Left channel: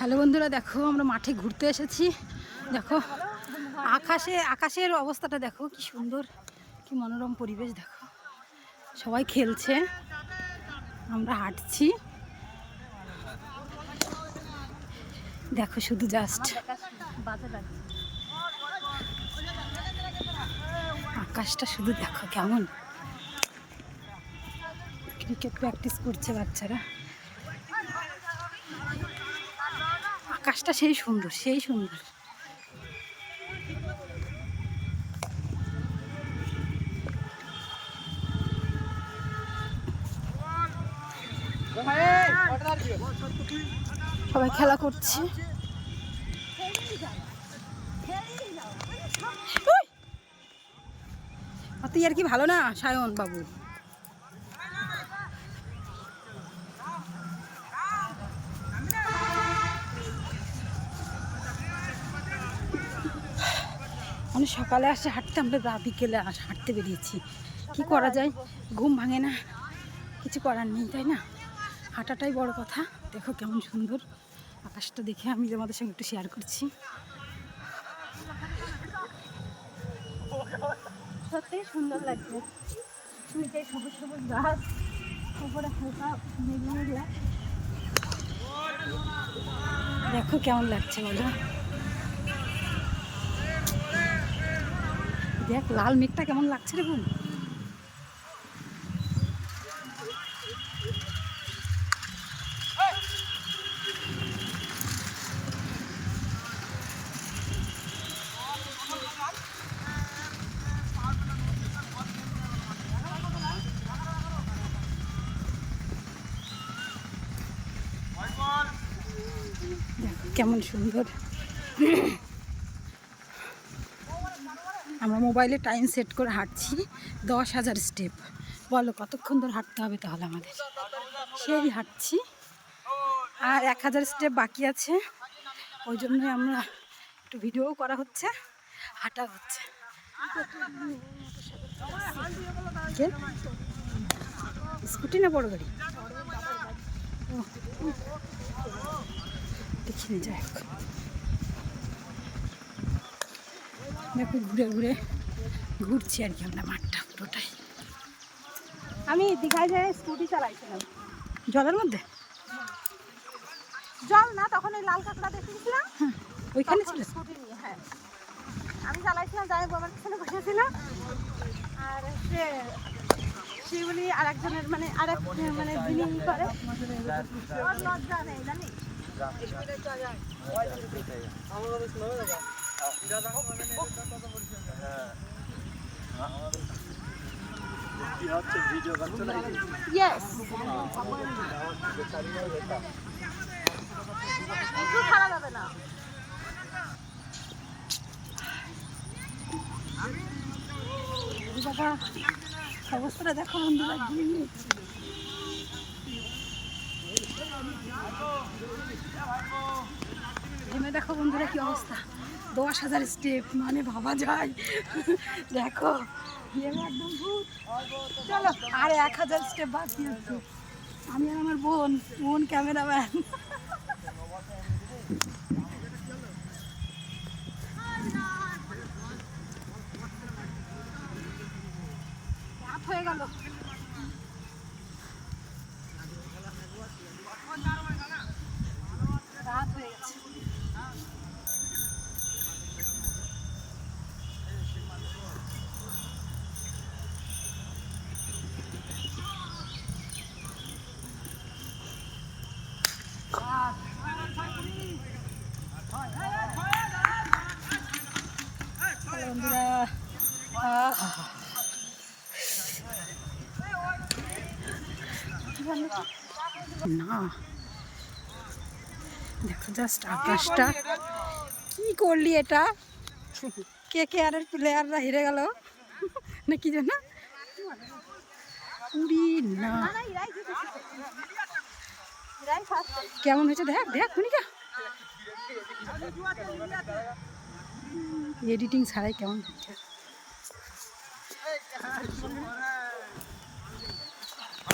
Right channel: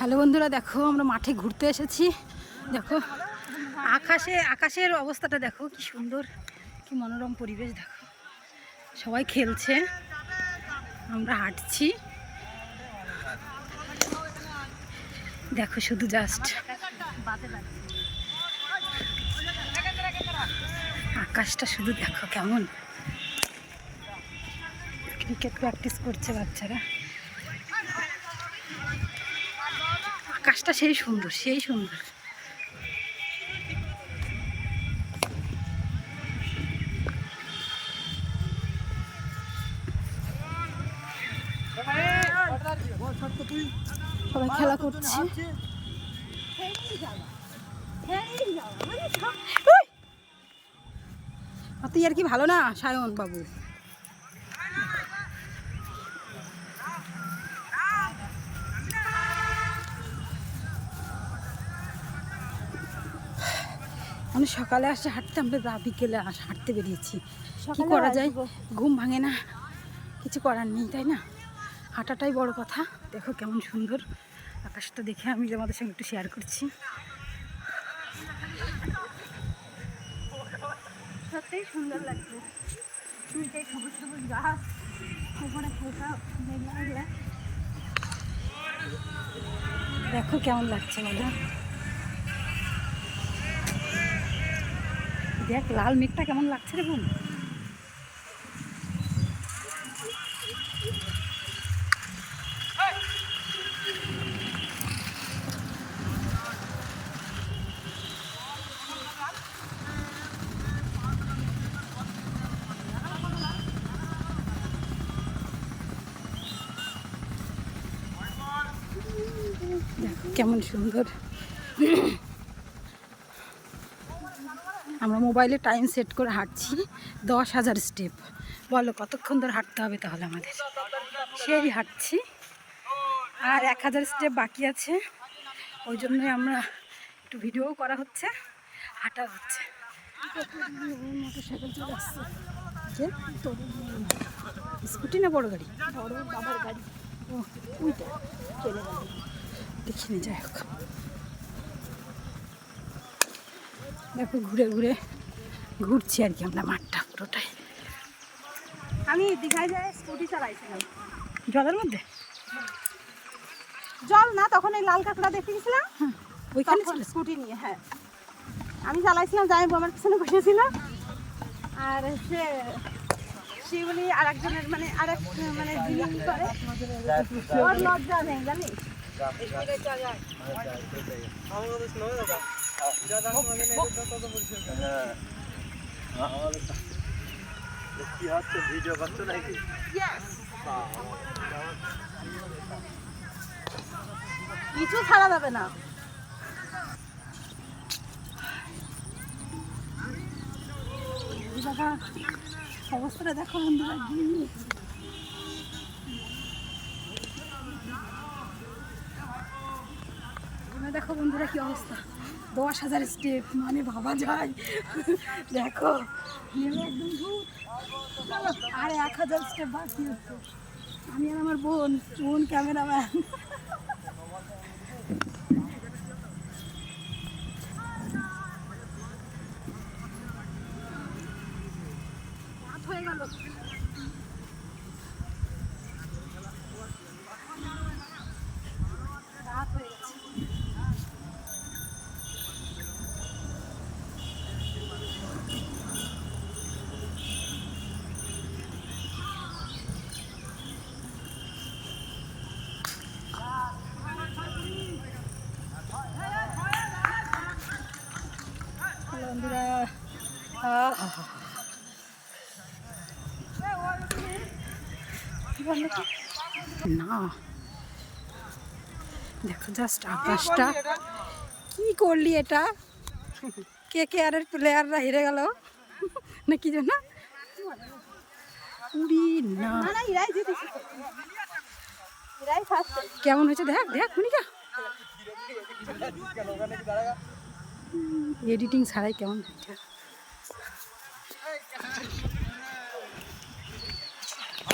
Hello বন্ধুরা, দেখো আমরা মাঠে ঘুরতে এসেছি। দেখো আকাশের অবস্থাটা দেখো, কি সুন্দর, কি মনোরম পরিবেশ। দেখো সবাই খেলছে, আমরা হাঁটছি। দেখো শুধু জাস্ট আকাশটা শুধু দেখো কেমন। ক্রিকেট প্র্যাকটিস করছে বাচ্চারা। আকাশটা সেই সুন্দর, সেই সুন্দর। সবাই খেলা করছে। তুই আর কি ভালো না সায়ন বাবু। মানে সকালে আসে হাঁটতে, আমরা বিকেলে হাঁটতে বেরিয়েছি। কি করা যায়, ঘুম ভাঙে না, কিছু করার নেই, তাই না? হাঁটাটাই বড় কথা। দেখো কেমন সুন্দর আকাশটা, দেখে আমি তোমাদের সঙ্গে একটু শেয়ার করছি। সত্যিই সুন্দর লাগছে, সবুজ সবুজ গাছ, উপরে দেখো কেমন লাগছে বলো। দেখ লাল মেঘটা কেমন লাগছে রে বোন। দেখো কেমন সুন্দর। আমরা মোবাইলে টাইম সেট করে হাঁটছি 10,000 স্টেপ। বলো কতক্ষণ ধরে হাঁটতে হবে তাহলে আমাদের। সেই হাঁটছি, আর 1,000 স্টেপ বাকি আছে। ওই জন্যই আমরা একটু ভিডিও করা হচ্ছে, হাঁটা হচ্ছে। স্কুটি না বড় গাড়ি? ও দেখিনি, যাই হোক। দেখো ঘুরে ঘুরে ঘুরছি আর কি আমরা মাঠটা পুরোটাই। আমি দীঘায় যাই স্কুটি চালাইছিলাম জলের মধ্যে। জল না, তখন এই লাল কাঁকড়া দেখে গেছিলাম। হ্যাঁ ওইখানে ছিল স্কুটি নিয়ে। হ্যাঁ আমি চালাইছিলাম, যাই আমার পিছনে বসেছিলাম। আর সেগুলি আর একজনের মানে আরেক মানে যিনি করে, ওর লজ্জা নেই জানিস। কি হচ্ছে, ভিডিও করছো নাকি? ইয়েস, কিছু ছাড়া যাবে না। বাবা অবস্থাটা দেখো বন্ধুরা, গিয়ে নিয়েছি। ঘেমে দেখো বন্ধুরা কি অবস্থা। 10,000 স্টেপ মানে ভাবা যায়। দেখো ঘেমে একদম ভূত। চলো আর 1,000 স্টেপ বাকি আছে। আমি আর আমার বোন ক্যামেরাম্যান। রাত হয়ে গেল। রাত হয়ে গেছে। হ্যালো বন্ধুরা, না দেখো জাস্ট আকাশটা। কি করলি এটা? কে আর প্লেয়াররা হেরে গেল না কি জন্য? উড়ি না, কেমন হয়েছে দেখ দেখ মনিকা, এডিটিং ছাড়াই কেমন হচ্ছে।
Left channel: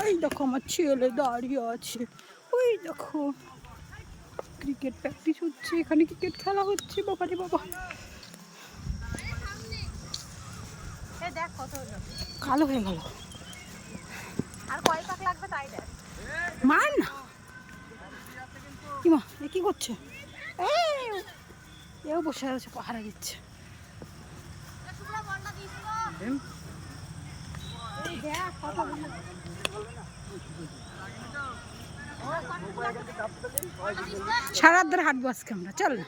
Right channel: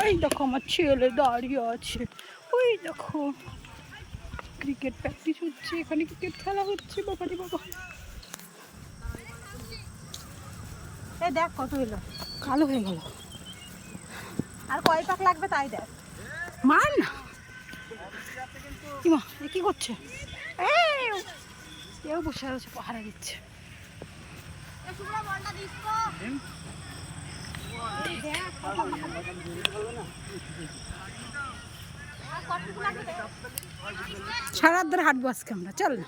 ওই দেখো আমার ছেলে দাঁড়িয়ে আছে, ওই দেখো ক্রিকেট প্র্যাকটিস হচ্ছে, এখানে ক্রিকেট খেলা হচ্ছে। বাবা রে বাবা, এই দেখ কত এলো, কালো হয়ে গেল। আর কয় পাক লাগবে তাই দেখ। মার না, কি মা এ কি করছে? এও বসে আছে, পাহারা দিচ্ছে। এই দেখ কত সারা রাত ধরে হাঁটবো আজকে আমরা, চল না।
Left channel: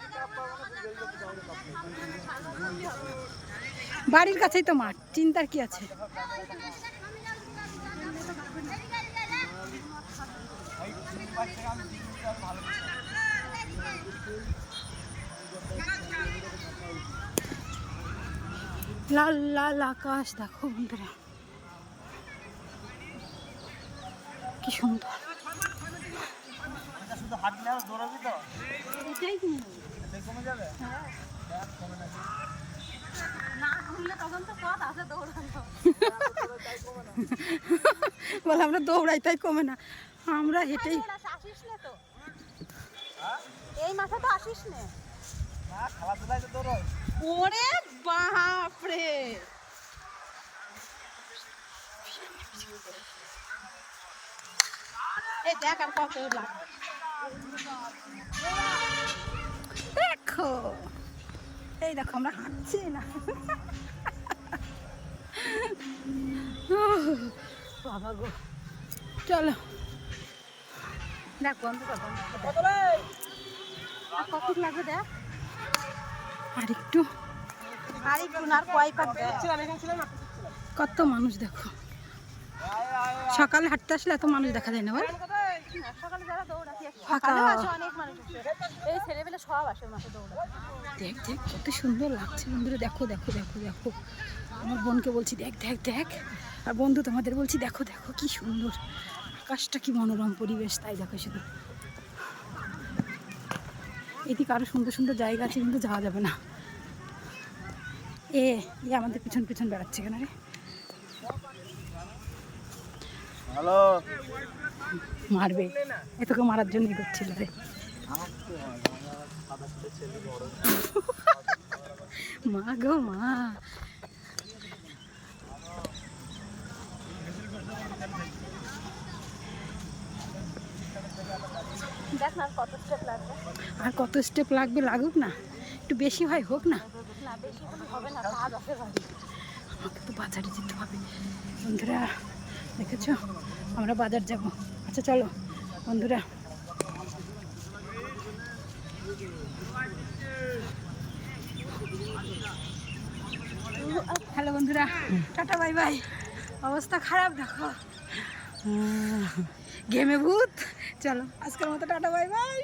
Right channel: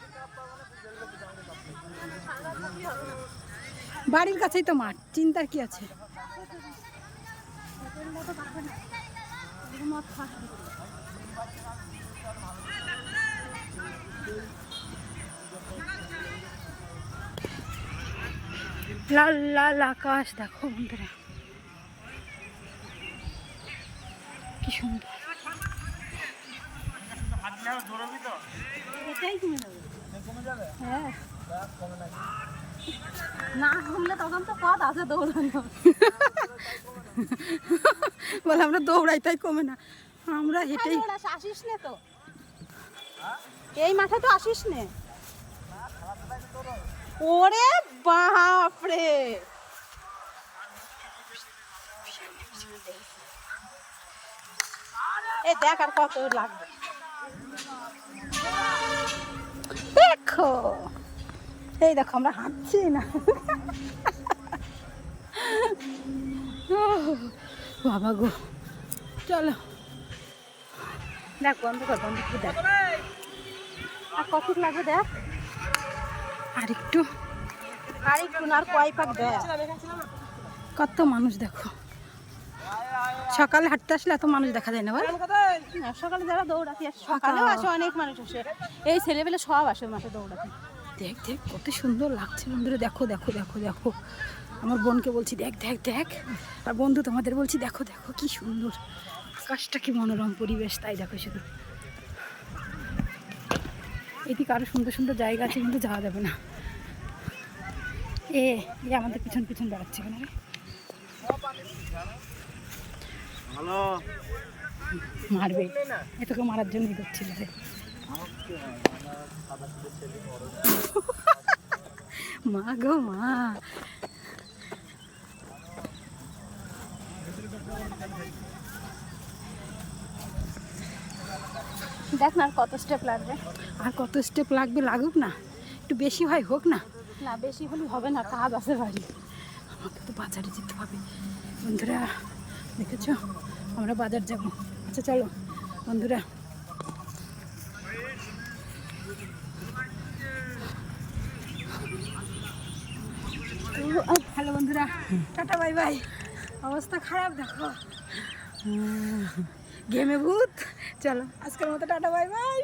বাড়ির কাছেই তো মাঠ, চিন্তার কি আছে? লাল লাল আকাশ দেখো বন্ধুরা, কি সুন্দর। এটাই কমে যাবে। হ্যাঁ না কমলে তখন তো পথ আছে দৌড়ানো। বলে আমরা দৌড়াই তাই কমে না, আমরা হেঁটেই। আসিস নে তো, এই মাঠে তো আসিস নে। ওরে বাপরে, এ দেখ আর কত লাগবে। দেখো এই দেখো আমরা হাঁটছি না। বাবা গো, চলো দেখ বন্ধ কর, বন্ধ করে দেখ আর কত লাগবে দেখ। আর একটু, গাড়ি আর কয় পাক দেখ। কত মানুষ দেখো। সকালে হাঁটতে আসলে এত মানুষ দেখা যায় না বল। না সকালে যারা দৌড়াতে আসে, ফাঁকা। সকালে আসে অনেক মানুষ আসে, এই ছেলেবেলে সব আসে মাঠে দৌড়াতে। দেখ দেখ কত সুন্দর লাগছে বন্ধুরা, দেখো দেখো দেখো দেখো। আমার বোনকে বলছি দেখ দেখ দেখ, আর বন্ধু তোমাদের বলছি দেখো দেখো কি সুন্দর আকাশটা, কি মনোরম পরিবেশ। তাই দেখো শুধু, এদিকে আরো সুন্দর সুন্দর জায়গা আছে কিন্তু যাওয়া যাবে না। এ আমাদের পিছন পিছন বেড়াচ্ছে কেন রে? হ্যালো, মারবে, এ তোকে মারার জন্যই করছিল রে। মা গো মা, দেখ না আর কত স্টেপ লাগবে। আর কত স্টেপ লাগবে, লাগুক না, একটু বেশি হয় হোক না। না বেশি হলে হবে না, কাজ আছে বাড়ি। আমাকে তো বাজারে যেতে হবে বন্ধুরা, দেখেছো আমরা বাজার যাব। আচ্ছা চলো বন্ধুরা, হ্যালো বন্ধুরা, টাটা বাই বাই। অবস্থা খারাপ দেখো, ঘেমে ভূত। চলো আজকের মতো টাটা বাই বাই।